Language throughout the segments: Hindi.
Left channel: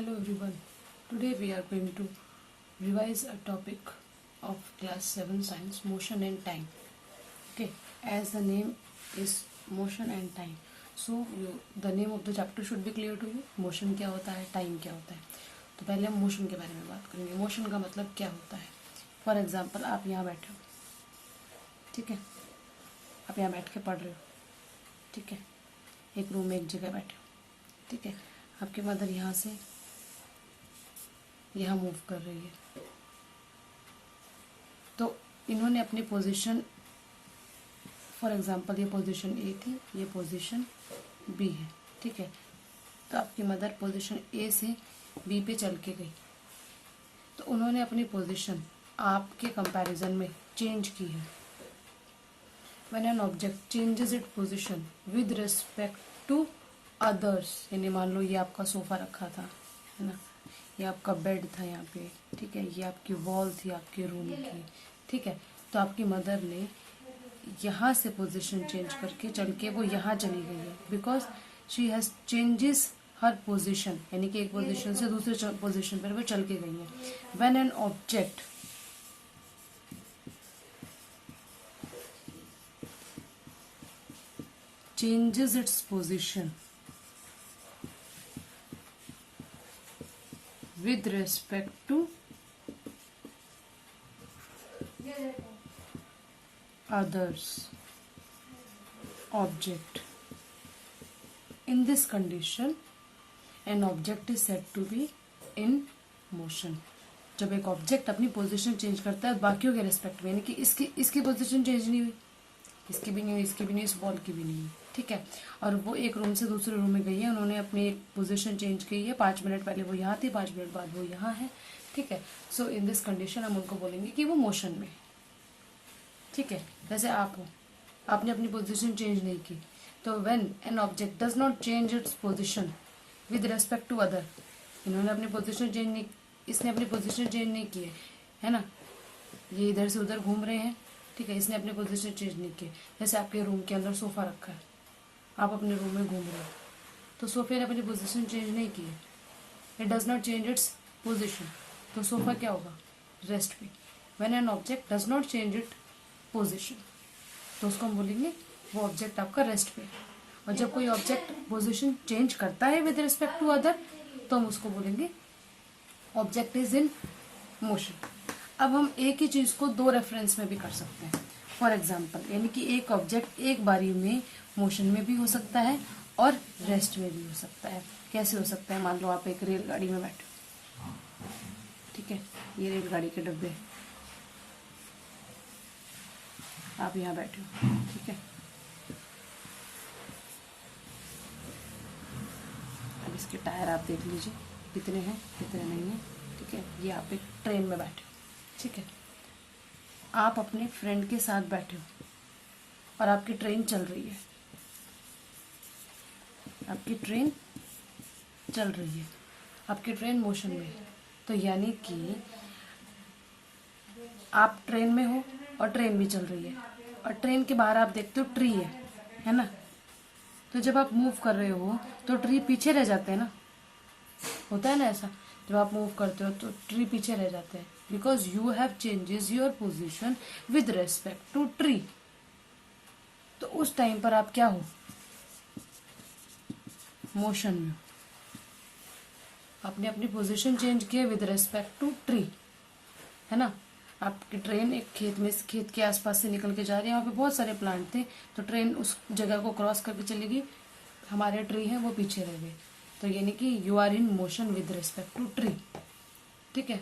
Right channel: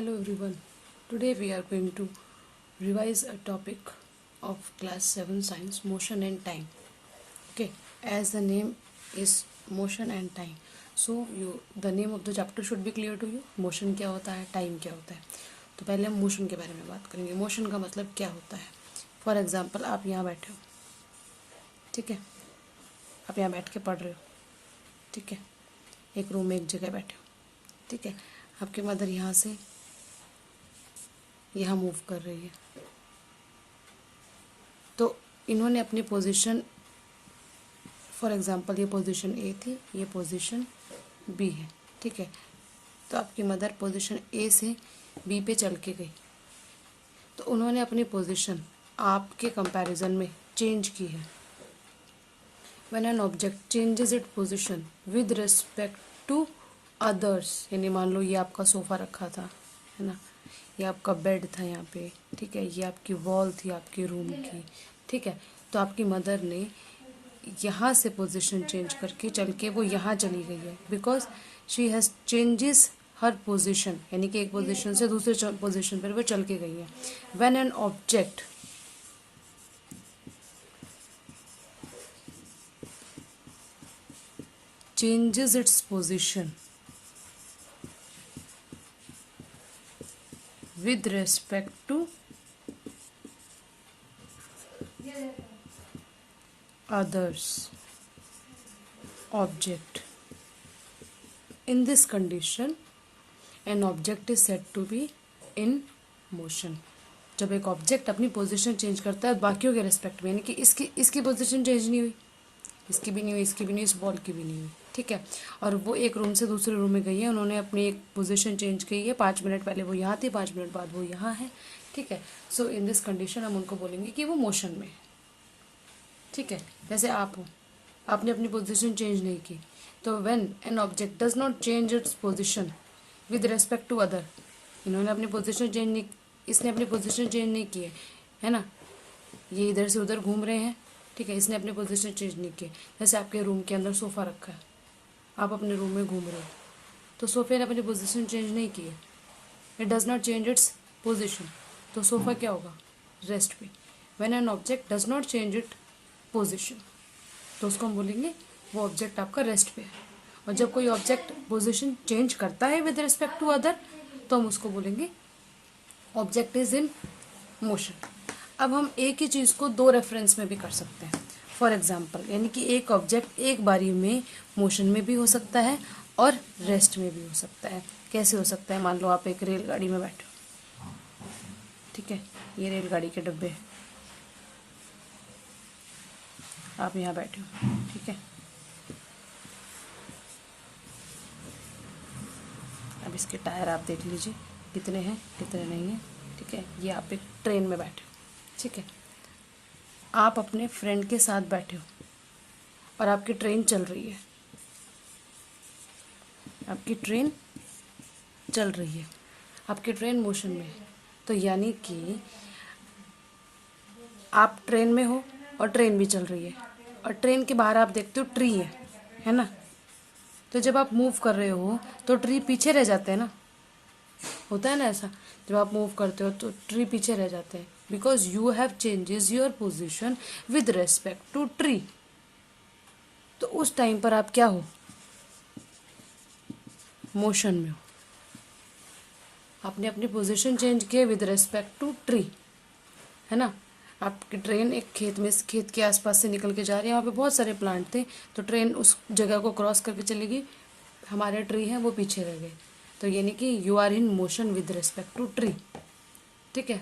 Hello everyone. Today we are going to revise a topic of class 7 science, motion and time. Okay, as the name is motion and time, so the name of the chapter should be clear to you. Motion क्या होता है, time क्या होता है. तो पहले हम मोशन के बारे में बात करेंगे. मोशन का मतलब क्या होता है. फॉर एग्जाम्पल आप यहाँ बैठे हो, ठीक है, आप यहाँ बैठ के पढ़ रहे हो, ठीक है, एक रूम में एक जगह बैठे हो, ठीक है, आपकी मदर यहाँ से यहाँ मूव कर रही है, तो इन्होंने अपनी पोजीशन, फॉर एग्जांपल ये पोजीशन ए थी, ये पोजीशन बी है, ठीक है, तो आपकी मदर पोजीशन ए से बी पे चल के गई, तो उन्होंने अपनी पोजीशन आपके कंपैरिजन में चेंज की है. When an object changes it position with respect to others, यानी मान लो ये आपका सोफ़ा रखा था, है ना, ये आपका बेड था यहाँ पे, ठीक है, ये आपकी वॉल थी आपके रूम की, ठीक है, तो आपकी मदर ने यहाँ से पोजीशन चेंज करके चल के वो यहाँ चली गई है, because she has changes her position, यानी कि एक पोजीशन से दूसरे पोजीशन पर वो चल के गई है. When an object changes its position with respect to others object, in this condition an object is said to be in motion. जब एक ऑब्जेक्ट अपनी पोजीशन चेंज करता है बाकियों के रेस्पेक्ट में, यानी कि इसकी पोजीशन चेंज नहीं हुई, इसकी भी नहीं हुई, इसकी भी नहीं, इस बॉल की भी नहीं हुई, ठीक है, और वो एक रूम से दूसरे रूम में गई है, उन्होंने अपनी एक पोजीशन चेंज की है. 5 मिनट पहले वो यहाँ थी, 5 मिनट बाद वो यहाँ है, ठीक है. सो इन दिस कंडीशन हम उनको बोलेंगे कि वो मोशन में है, ठीक है. जैसे आप हो, आपने अपनी पोजीशन चेंज नहीं की, तो when an object does not change its position with respect to other, इन्होंने अपनी पोजीशन चेंज नहीं, इसने अपनी पोजीशन चेंज नहीं की है ना, ये इधर से उधर घूम रहे हैं, ठीक है, इसने अपनी पोजीशन चेंज नहीं की. जैसे आपके रूम के अंदर सोफ़ा रखा है, आप अपने रूम में घूम रहे हो, तो सोफे ने अपनी पोजीशन चेंज नहीं की है, it does not change its position, तो सोफ़ा क्या होगा, रेस्ट पे. When an object does not change it position, तो उसको हम बोलेंगे वो ऑब्जेक्ट आपका रेस्ट पे है. और जब कोई ऑब्जेक्ट पोजीशन चेंज करता है विद रिस्पेक्ट टू अदर, तो हम उसको बोलेंगे ऑब्जेक्ट इज इन मोशन. अब हम एक ही चीज़ को 2 रेफरेंस में भी कर सकते हैं. फॉर एग्जाम्पल, यानी कि एक ऑब्जेक्ट एक बारी में मोशन में भी हो सकता है और रेस्ट में भी हो सकता है. कैसे हो सकता है, मान लो आप एक रेलगाड़ी में बैठे हो, ठीक है, ये रेलगाड़ी के डब्बे हैं, आप यहाँ बैठे हो, ठीक है, अब इसके टायर आप देख लीजिए कितने हैं कितने नहीं हैं, ठीक है. ये आप एक ट्रेन में बैठे हो, ठीक है, आप अपने फ्रेंड के साथ बैठे हो और आपकी ट्रेन चल रही है, आपकी ट्रेन चल रही है, आपकी ट्रेन मोशन में है, तो यानी कि आप ट्रेन में हो और ट्रेन भी चल रही है, और ट्रेन के बाहर आप देखते हो ट्री है ना, तो जब आप मूव कर रहे हो तो ट्री पीछे रह जाते हैं ना, होता है ना ऐसा, जब आप मूव करते हो तो ट्री पीछे रह जाते हैं, because you have changes your position with respect to tree. तो उस टाइम पर आप क्या हो, मोशन में हो, आपने अपनी पोजीशन चेंज की विद रेस्पेक्ट टू ट्री, है ना. आपकी ट्रेन एक खेत के आसपास से निकल के जा रही है, वहाँ पे बहुत सारे प्लांट थे, तो ट्रेन उस जगह को क्रॉस करके चली गई, हमारे ट्री हैं वो पीछे रह गए, तो यानी कि you are in motion with respect to tree, ठीक है.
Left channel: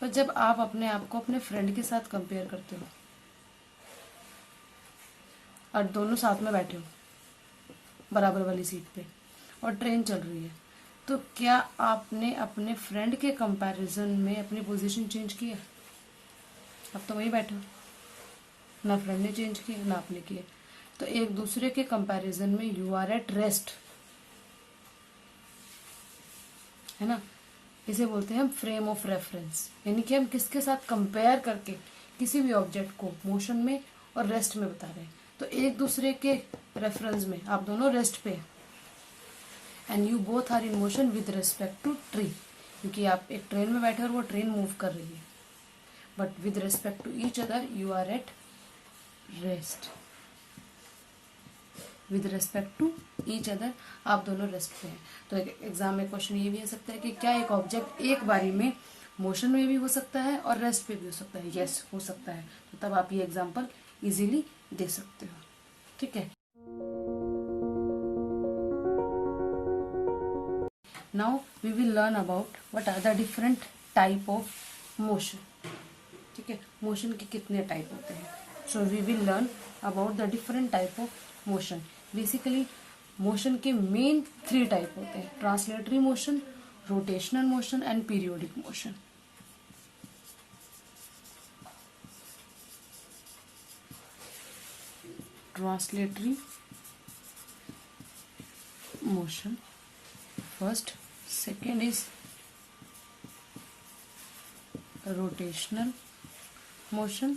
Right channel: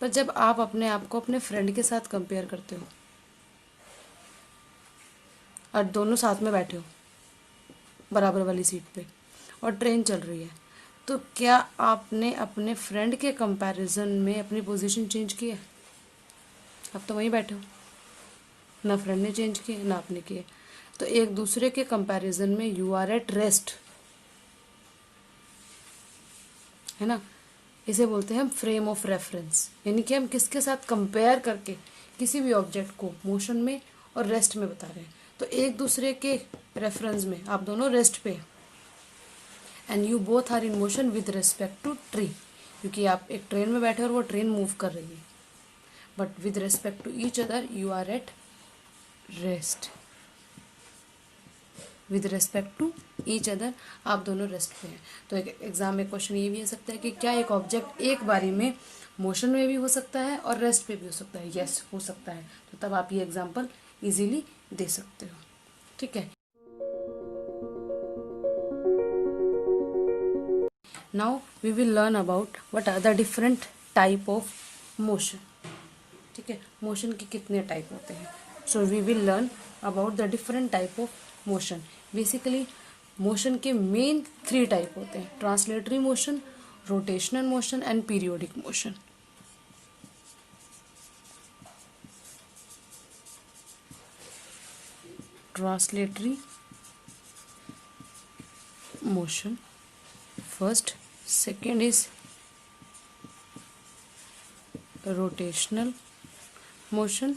पर जब आप अपने आप को अपने फ्रेंड के साथ कंपेयर करते हो और दोनों साथ में बैठे हो बराबर वाली सीट पे और ट्रेन चल रही है, तो क्या आपने अपने फ्रेंड के कंपैरिजन में अपनी पोजीशन चेंज की है? आप तो वहीं बैठे हो, ना फ्रेंड ने चेंज किए ना आपने किए, तो एक दूसरे के कंपैरिजन में यू आर एट रेस्ट, है ना. इसे बोलते हैं हम फ्रेम ऑफ रेफरेंस, यानी कि हम किसके साथ कंपेयर करके किसी भी ऑब्जेक्ट को मोशन में और रेस्ट में बता रहे हैं. तो एक दूसरे के रेफरेंस में आप दोनों रेस्ट पे हैं, and you both are in motion with respect to tree, क्योंकि आप एक ट्रेन में बैठे और वो ट्रेन मूव कर रही है, but with respect to each other you are at rest. With respect to each other आप दोनों रेस्ट पे हैं। तो एक एग्जाम में क्वेश्चन ये भी हो सकता है कि क्या एक ऑब्जेक्ट एक बारी में मोशन में भी हो सकता है और रेस्ट पे भी हो सकता है? यस, हो सकता है। तो तब आप ये एग्जाम्पल इजीली दे सकते हो। ठीक है, now we will learn about what are the different type of motion. ठीक है, मोशन के कितने टाइप होते हैं? So we will learn about the different type of motion. Basically motion के मेन 3 टाइप होते हैं: translatory motion, rotational motion and periodic motion. Translatory motion first, second is rotational motion,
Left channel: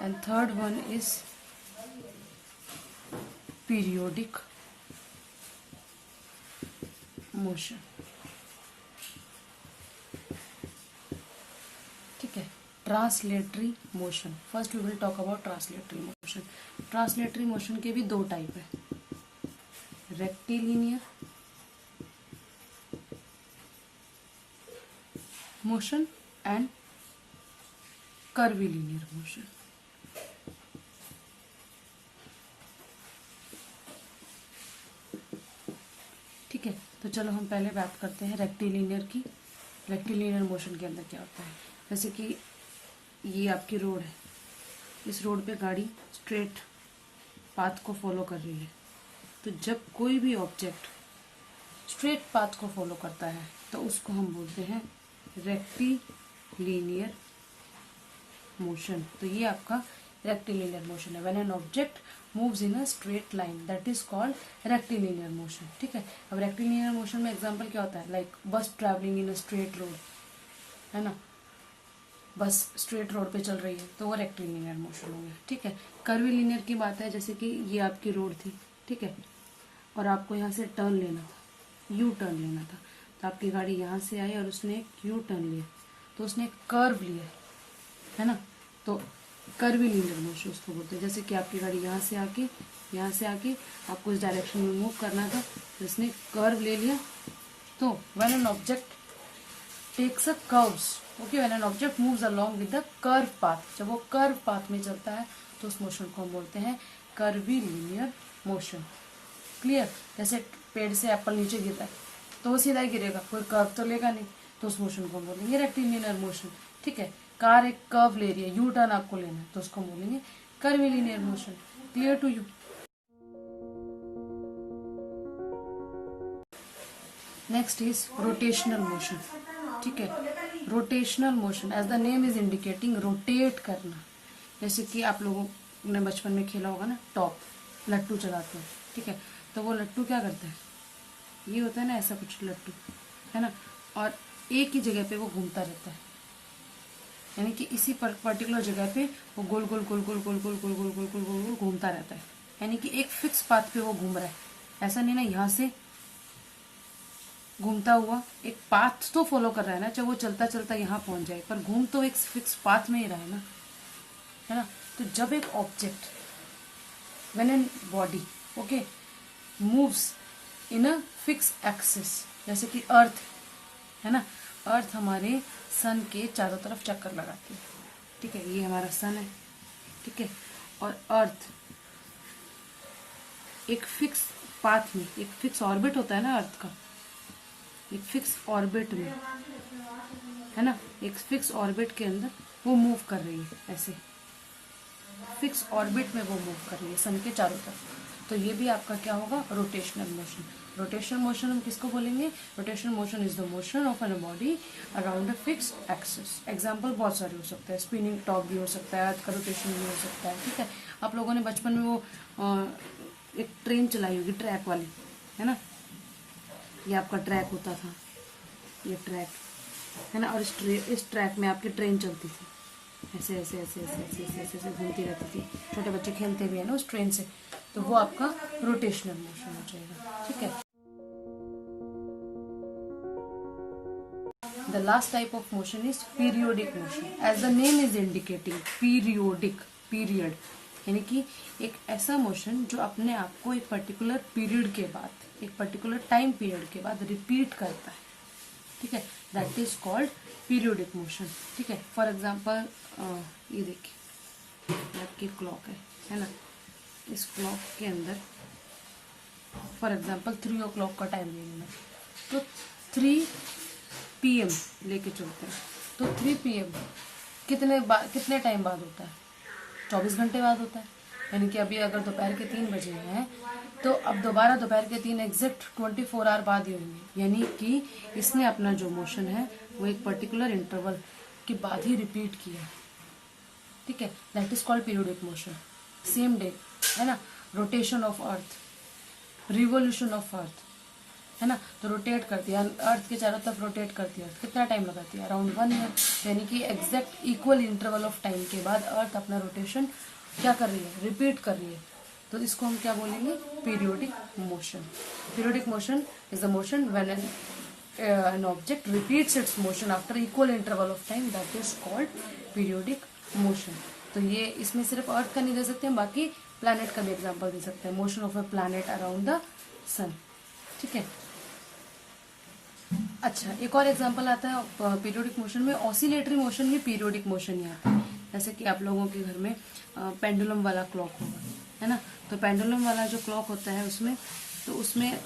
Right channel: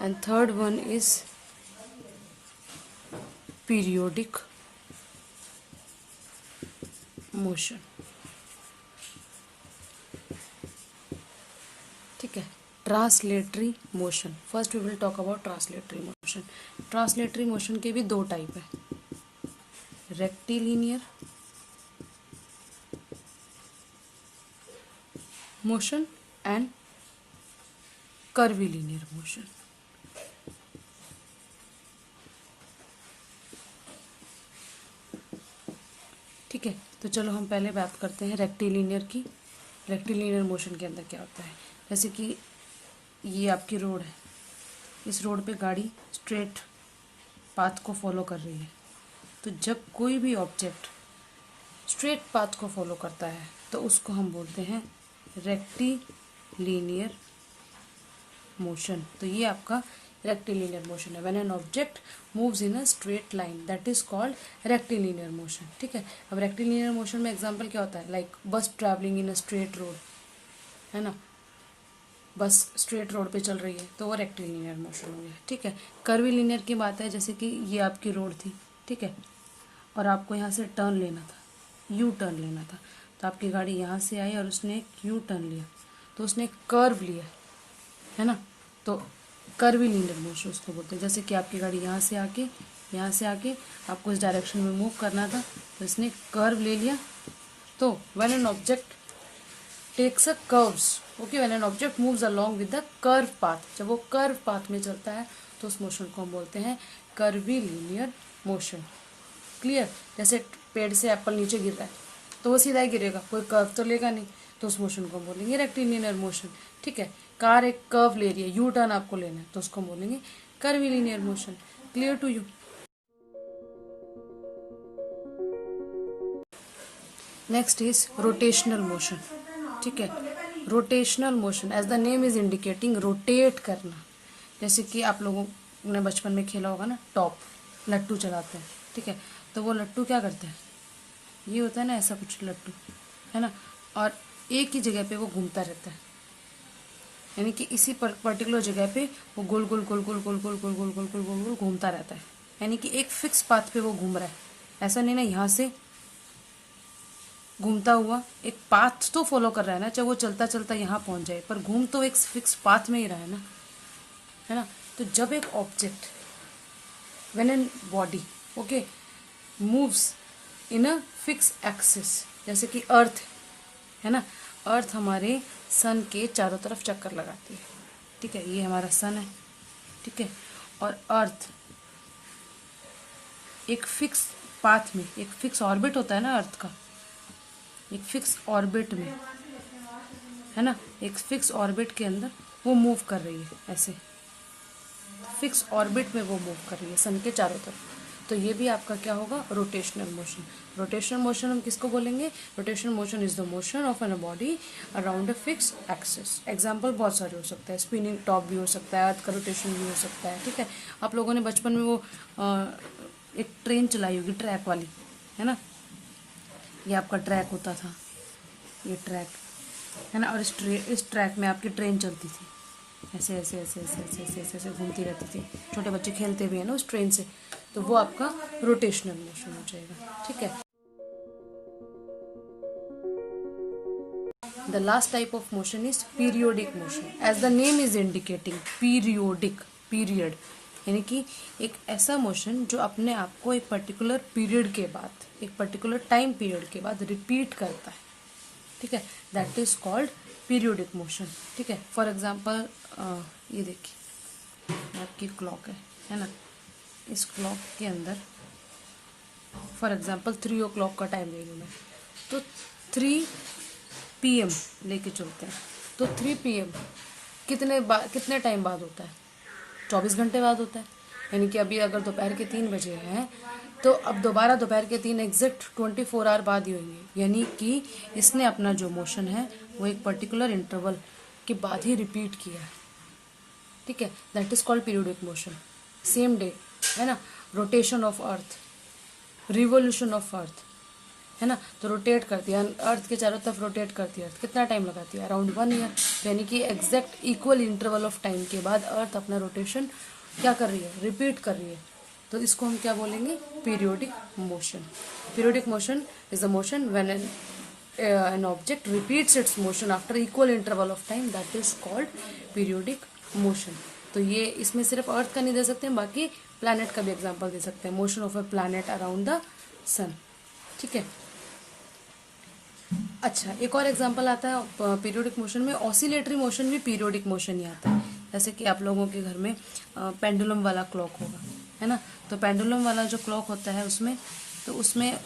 and third one is periodic motion. ठीक है, translatory motion. First we will talk about translatory motion. Translatory motion के भी 2 टाइप है: rectilinear motion and curvilinear motion. ठीक है, तो चलो हम पहले बात करते हैं रेक्टिलिनियर की। रेक्टिलिनियर मोशन के अंदर क्या होता है? जैसे कि ये आपकी रोड है, इस रोड पे गाड़ी स्ट्रेट पाथ को फॉलो कर रही है। तो जब कोई भी ऑब्जेक्ट स्ट्रेट पाथ को फॉलो करता है तो उसको हम बोलते हैं रेक्टिलिनियर मोशन। तो ये आपका रेक्टिलिनियर मोशन है। When an object moves in a straight line, that is called rectilinear motion. ठीक है, अब रेक्टिलिनियर मोशन में एग्जांपल क्या होता है? लाइक बस travelling in a straight road, है ना, बस स्ट्रेट रोड पे चल रही है तो वो रेक्टिलिनियर मोशन हो गया। ठीक है, कर्वीलिनियर की बात है, जैसे कि ये आपकी रोड थी, ठीक है, और आपको यहाँ से टर्न लेना था, यू टर्न लेना था। तो आपकी गाड़ी यहाँ से आई और उसने एक यू टर्न लिया, तो उसने एक कर्व लिया, है ना, तो कर्वीलिनियर मोशन उसको बोलते हैं। जैसे कि आपकी गाड़ी यहाँ से आके आपको इस डायरेक्शन में मूव करना था, तो इसने कर्व ले लिया। तो when an object takes a curves, okay, when an object moves along with the curve path, जब वो कर्व पाथ में चलता है तो उस मोशन को हम बोलते हैं कर्वीलिनियर मोशन। क्लियर? जैसे पेड़ से एप्पल नीचे गिर रहा है तो वो सीधा ही गिरेगा, कोई कर्व तो लेगा नहीं, तो उस मोशन को बोलेंगे रेक्टिलिनियर मोशन। ठीक है, कार एक कर्व ले रही है, यू टर्न आपको लेना है, तो उसको बोलेंगे curvilinear motion. Clear to you? Next is rotational motion. ठीक है, rotational motion as the name is indicating, rotate करना। जैसे कि आप लोगों ने बचपन में खेला होगा ना, टॉप, लट्टू चलाते हैं, ठीक है, तो वो लट्टू क्या करता है? ये होता है ना ऐसा कुछ लट्टू, है ना, और एक ही जगह पे वो घूमता रहता है, यानी कि इसी पर्टिकुलर जगह पे वो गोल गोल गोल गोल गोल गोल गोल गोल गोल गोल गोल गोल घूमता रहता है, यानी कि एक फिक्स पाथ पे वो घूम रहा है। ऐसा नहीं ना यहाँ से घूमता हुआ एक पाथ तो फॉलो कर रहा है ना, चाहे वो चलता चलता यहाँ पहुंच जाए, पर घूम तो एक फिक्स पाथ में ही रहा है ना, है ना। तो जब एक object, when an body, okay, moves in a fix axis, जैसे कि अर्थ, है ना, अर्थ हमारे सन के चारों तरफ चक्कर लगाती है, ठीक है, ये हमारा सन है, ठीक है, और अर्थ एक फिक्स पाथ में, एक फिक्स ऑर्बिट होता है ना अर्थ का, एक फिक्स ऑर्बिट में, है ना, एक फिक्स ऑर्बिट के अंदर वो मूव कर रही है, ऐसे फिक्स ऑर्बिट में वो मूव कर रही है सन के चारों तरफ। तो ये भी आपका क्या होगा? Rotational motion. रोटेशनल मोशन हम किसको बोलेंगे? Rotational motion is the motion of an body around a fix axis. Example बहुत सारे हो सकते हैं, स्पिनिंग टॉप भी हो सकता है, अर्थ का रोटेशन भी हो सकता है, ठीक है। आप लोगों ने बचपन में वो एक ट्रेन चलाई होगी, ट्रैक वाली, है ना, ये आपका ट्रैक होता था, ये ट्रैक, है ना, और इस ट्रैक में आपकी ट्रेन चलती थी, ऐसे ऐसे ऐसे ऐसे ऐसे ऐसे ऐसे ऐसे घूमती रहती थी, छोटे बच्चे खेलते भी है ना उस ट्रेन से, तो वो आपका रोटेशनल मोशन हो जाएगा, ठीक है। The last type of motion is periodic motion. As the name is indicating, periodic, period, यानी कि एक ऐसा मोशन जो अपने आप को एक पर्टिकुलर पीरियड के बाद, एक पर्टिकुलर टाइम पीरियड के बाद रिपीट करता है, ठीक है, that is called periodic motion, ठीक है. फॉर एग्जाम्पल ये देखिए, आपकी क्लॉक है ना, इस क्लॉक के अंदर फॉर एग्जाम्पल 3 o'clock का टाइम ले लूँ, तो 3 PM लेके चलते हैं, तो 3 PM कितने टाइम बाद होता है? 24 घंटे बाद होता है. यानी कि अभी अगर दोपहर के 3 बजे हैं, तो अब दोबारा दोपहर के 3 एग्जैक्ट 24 आवर बाद ही होंगे. यानी कि इसने अपना जो मोशन है वो एक पर्टिकुलर इंटरवल के बाद ही रिपीट किया, ठीक है, that is called periodic motion. Same day, है ना, rotation of earth, revolution of earth, है ना, तो रोटेट करती है अर्थ के चारों तरफ, रोटेट करती है अर्थ. कितना टाइम लगाती है? Around 1 year. यानी कि exact equal interval of time के बाद अर्थ अपना रोटेशन क्या कर रही है? रिपीट कर रही है. तो इसको हम क्या बोलेंगे? Periodic motion. Periodic motion is the motion when an object repeats its motion after equal interval of time, that is called periodic motion. तो ये इसमें सिर्फ अर्थ का नहीं दे सकते हैं, बाकी प्लैनेट का भी एग्जांपल दे सकते हैं. Motion of a planet around the sun, ठीक है. अच्छा, एक और एग्जांपल आता है पीरियोडिक मोशन में. ऑसिलेटरी मोशन भी पीरियोडिक मोशन ही आता है. जैसे कि आप लोगों के घर में पेंडुलम वाला क्लॉक होगा, है ना, तो पेंडुलम वाला जो क्लॉक होता है उसमें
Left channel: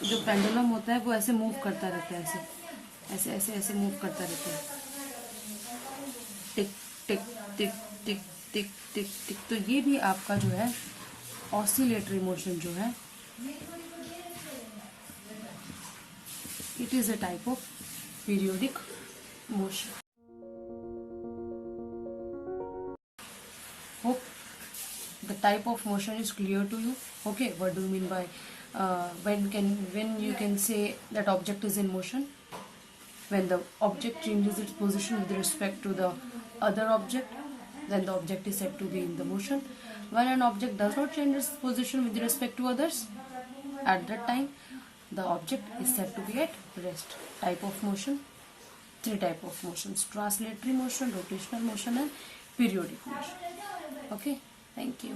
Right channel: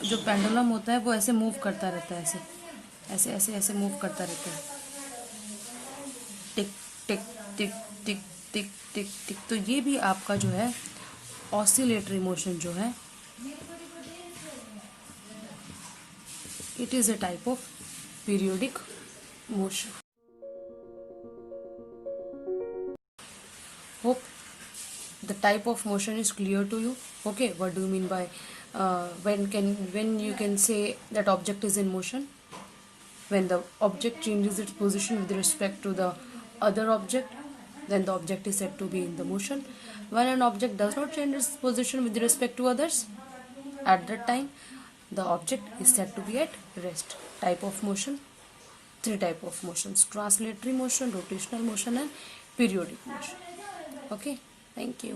जो पेंडुलम होता है वो ऐसे मूव करता रहता है, ऐसे ऐसे ऐसे मूव करता रहता है, टिक टिक टिक टिक टिक टिक टिक. तो ये भी आपका जो है ऑसिलेटरी मोशन जो है, it is a type of periodic motion. Hope the type of motion is clear to you. Okay, what do you mean by when you can say that object is in motion? When the object changes its position with respect to the other object, then the object is said to be in the motion. When an object does not change its position with respect to others, at that time the object is said to be at rest. Type of motion, 3 type of motions: translatory motion, rotational motion, and periodic motion. Okay, thank you.